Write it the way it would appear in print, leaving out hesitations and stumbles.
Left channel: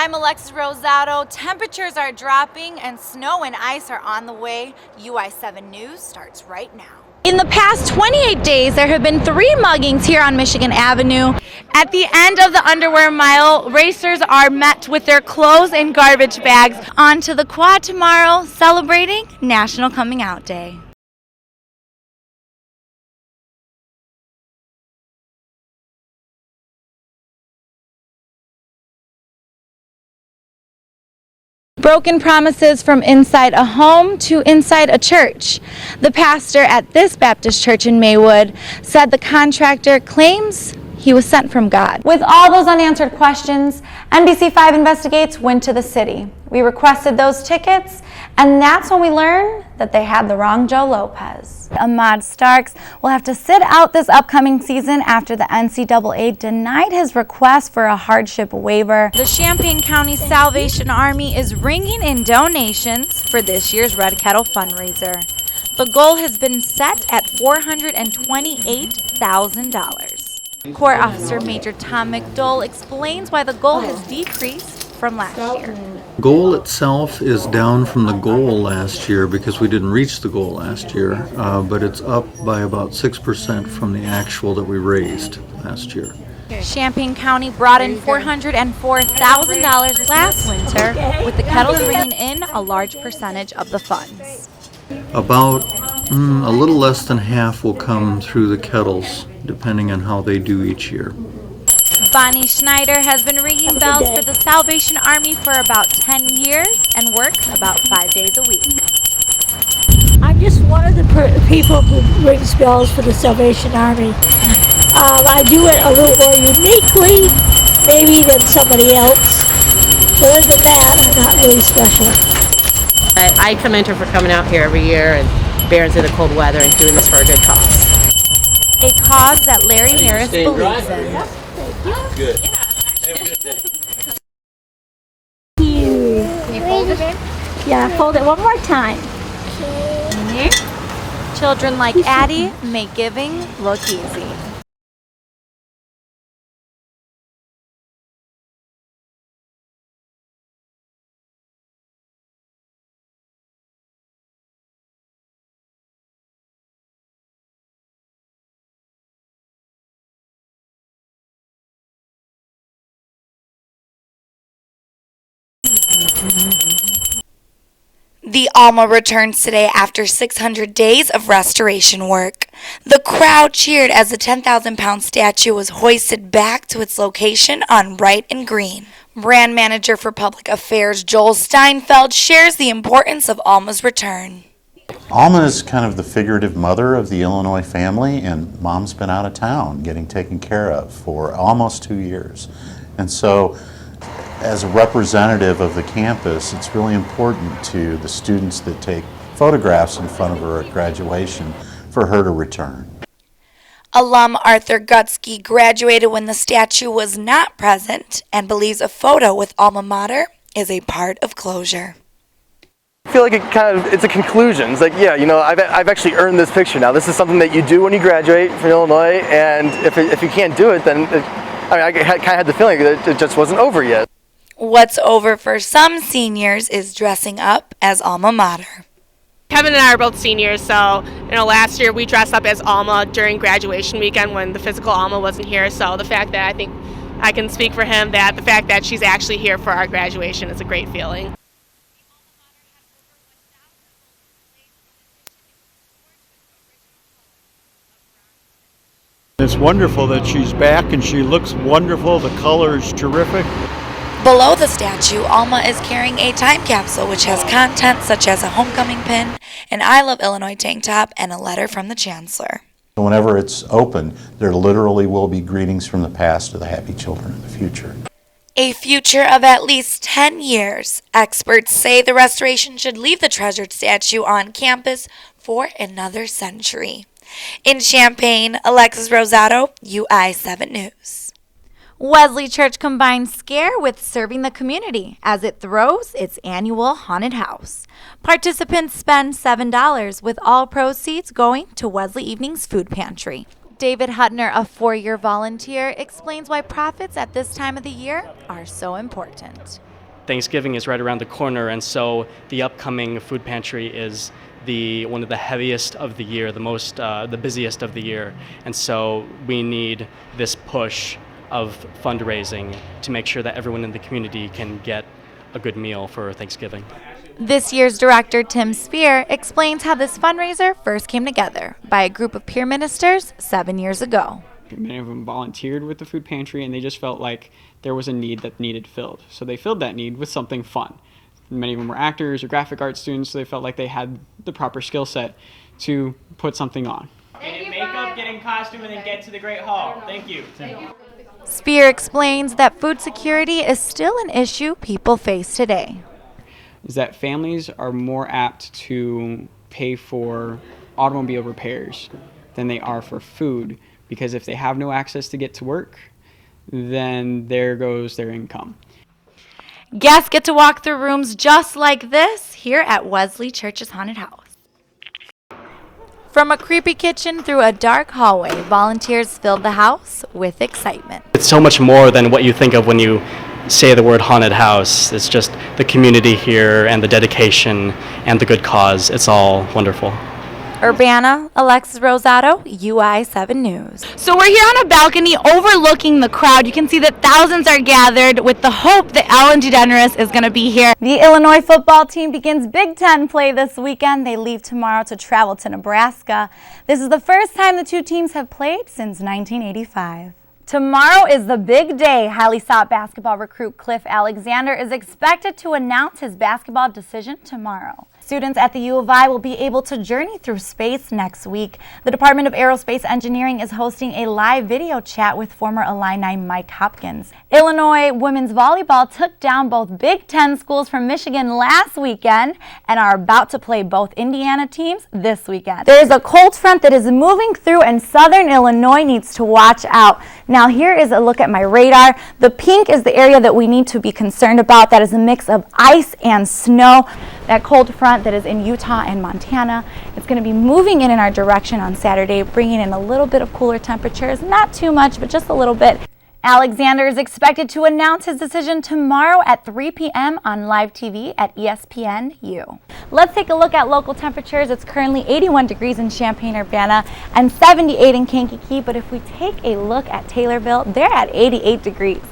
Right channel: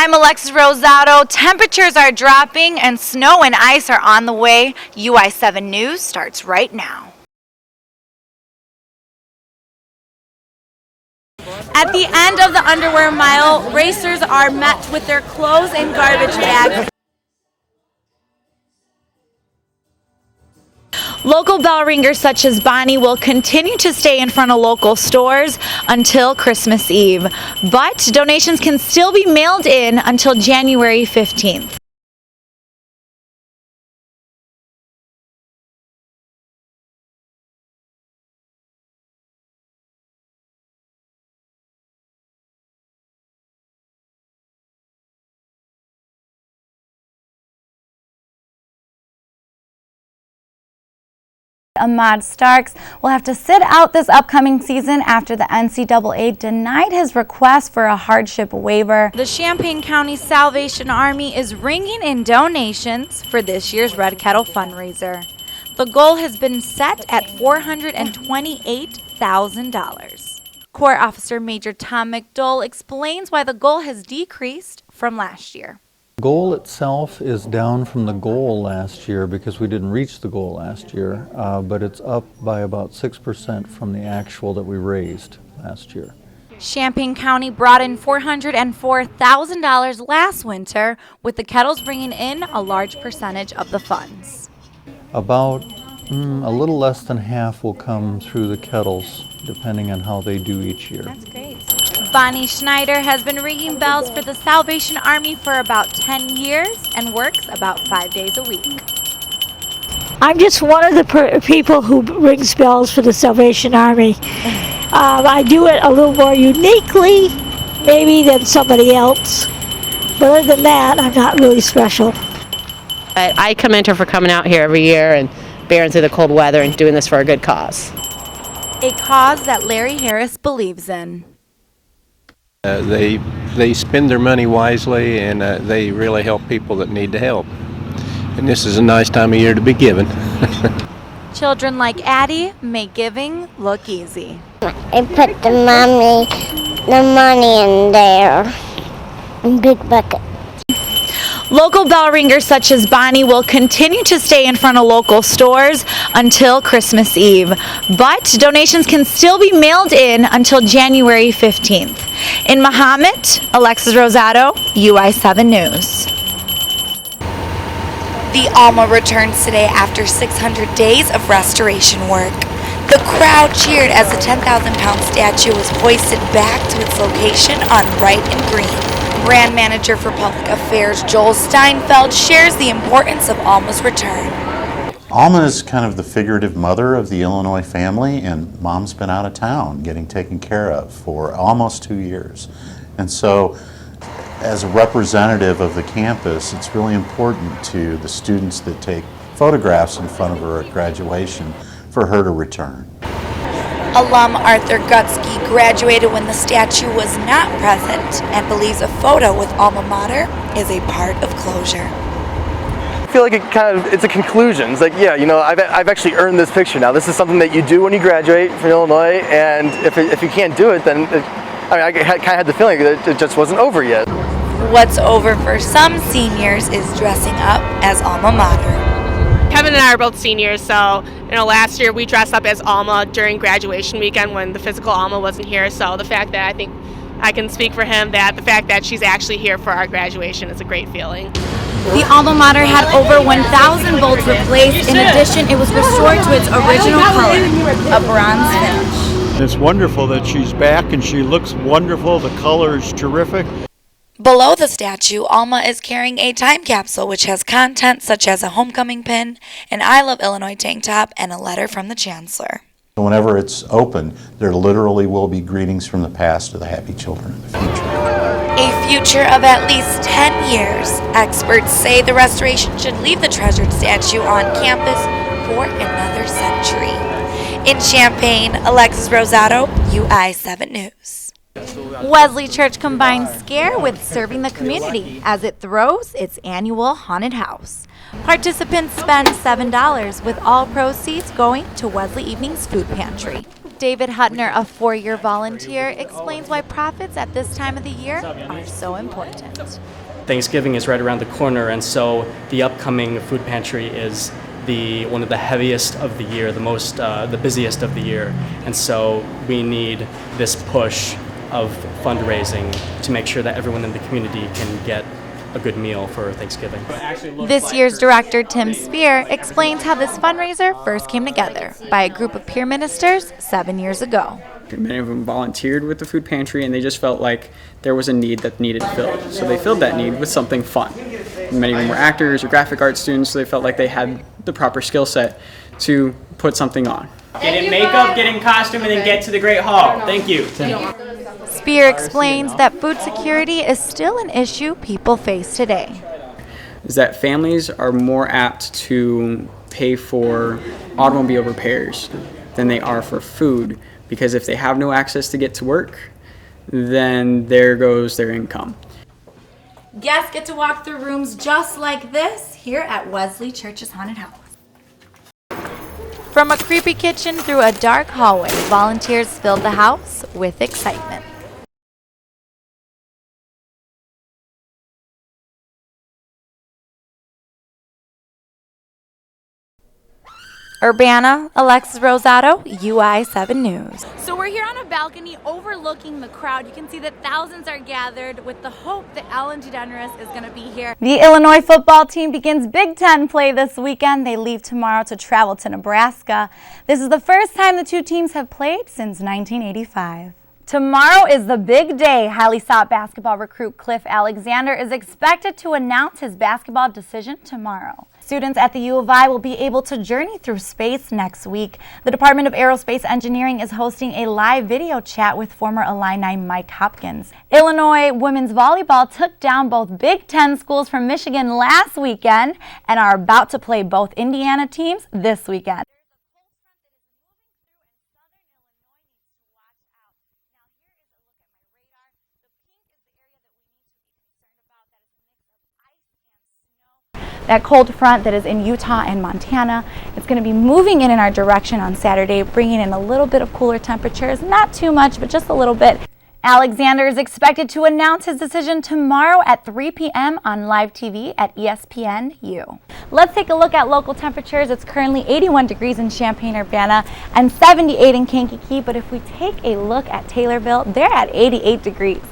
I'm Alexis Rosado. Temperatures are dropping and snow and ice are on the way. UI7 News starts right now. In the past 28 days, there have been 3 muggings here on Michigan Avenue. At the end of the underwear mile, racers are met with their clothes and garbage bags. On to the quad tomorrow, celebrating National Coming Out Day. Local bell ringers such as Bonnie will continue to stay in front of local stores until Christmas Eve. But donations can still be mailed in until January 15th. Broken promises from inside a home to inside a church. The pastor at this Baptist church in Maywood said the contractor claims he was sent from God. With all those unanswered questions, NBC5 Investigates went to the city. We requested those tickets, and that's when we learned that they had the wrong Joe Lopez. Ahmad Starks will have to sit out this upcoming season after the NCAA denied his request for a hardship waiver. The Champaign County Salvation Army is ringing in donations for this year's Red Kettle fundraiser. The goal has been set at $428,000. Corps Officer Major Tom McDole explains why the goal has decreased from last year. The goal itself is down from the goal last year because we didn't reach the goal last year, but it's up by about 6% from the actual that we raised last year. Champaign County brought in $404,000 last winter, with the kettles bringing in a large percentage of the funds. About a little less than half will come through the kettles, depending on how they do each year. Bonnie Schneider has been ringing bells for the Salvation Army for about 10 years and works about 5 days a week. I'm just one of the people who rings bells for the Salvation Army. I do it a little more uniquely, maybe, than somebody else. But other than that, I'm not really special. I commend her for coming out here every year and bearing through the cold weather and doing this for a good cause. A cause that Larry Harris believes in. They spend their money wisely, and they really help people that need the help. Yeah, hold it one more time. This is a nice time of year to be giving. Children like Addie make giving look easy. I put the money in there, in big bucket. Local bell ringers such as Bonnie will continue to stay in front of local stores until Christmas Eve, but donations can still be mailed in until January 15th. In Mahomet, Alexis Rosado, UI7 News. The Alma returns today after 600 days of restoration work. The crowd cheered as the 10,000-pound statue was hoisted back to its location on Wright and Green. Brand manager for public affairs Joel Steinfeld shares the importance of Alma's return. Alma is kind of the figurative mother of the Illinois family, and Mom's been out of town getting taken care of for almost 2 years. And so, as a representative of the campus, it's really important to the students that take photographs in front of her at graduation for her to return. Alum Arthur Gutsky graduated when the statue was not present and believes a photo with Alma Mater is a part of closure. I feel like it's a conclusion. It's like, yeah, you know, I've actually earned this picture now. This is something that you do when you graduate from Illinois, and if you can't do it, then I kind of had the feeling that it just wasn't over yet. What's over for some seniors is dressing up as Alma Mater. Kevin and I are both seniors, so last year we dressed up as Alma during graduation weekend when the physical Alma wasn't here. So the fact that I think I can speak for him, that the fact that she's actually here for our graduation is a great feeling. The Alma Mater had over 1,000 bolts replaced. In addition, it was restored to its original color, a bronze finish. It's wonderful that she's back and she looks wonderful. The color is terrific. Below the statue, Alma is carrying a time capsule which has content such as a homecoming pin, an I Love Illinois tank top, and a letter from the chancellor. Whenever it's open, there literally will be greetings from the past to the happy children of the future. A future of at least 10 years. Experts say the restoration should leave the treasured statue on campus for another century. In Champaign, Alexis Rosado, UI7 News. Wesley Church combines scare with serving the community as it throws its annual haunted house. Participants spend $7 with all proceeds going to Wesley Evening's food pantry. David Hutner, a 4-year volunteer, explains why profits at this time of the year are so important. Thanksgiving is right around the corner, and so the upcoming food pantry is one of the heaviest of the year, the busiest of the year, and so we need this push of fundraising to make sure that everyone in the community can get a good meal for Thanksgiving. This year's director, Tim Spear, explains how this fundraiser first came together by a group of peer ministers 7 years ago. Many of them volunteered with the food pantry, and they just felt like there was a need that needed filled. So they filled that need with something fun. Many of them were actors or graphic arts students, so they felt like they had the proper skill set to put something on. Get in makeup, get in costume, and then get to the Great Hall. Thank you. Spear explains that food security is still an issue people face today. Is that families are more apt to pay for automobile repairs than they are for food, because if they have no access to get to work, then there goes their income. Guests get to walk through rooms just like this here at Wesley Church's Haunted House. From a creepy kitchen through a dark hallway, volunteers filled the house with excitement. It's so much more than what you think of when you say the word haunted house. It's just the community here and the dedication and the good cause. It's all wonderful. Urbana, Alexis Rosado, UI7 News. So we're here on a balcony overlooking the crowd. You can see that thousands are gathered with the hope that Ellen DeGeneres is going to be here. The Illinois football team begins Big Ten play this weekend. They leave tomorrow to travel to Nebraska. This is the first time the two teams have played since 1985. Tomorrow is the big day. Highly sought basketball recruit Cliff Alexander is expected to announce his basketball decision tomorrow. Students at the U of I will be able to journey through space next week. The Department of Aerospace Engineering is hosting a live video chat with former Illini Mike Hopkins. Illinois women's volleyball took down both Big Ten schools from Michigan last weekend and are about to play both Indiana teams this weekend. There is a cold front that is moving through, and southern Illinois needs to watch out. Now here is a look at my radar. The pink is the area that we need to be concerned about. That is a mix of ice and snow. That cold front that is in Utah and Montana. It's going to be moving in our direction on Saturday, bringing in a little bit of cooler temperatures. Not too much, but just a little bit. Alexander is expected to announce his decision tomorrow at 3 p.m. on live TV at ESPNU. Let's take a look at local temperatures. It's currently 81 degrees in Champaign-Urbana and 78 in Kankakee, but if we take a look at Taylorville, they're at 88 degrees.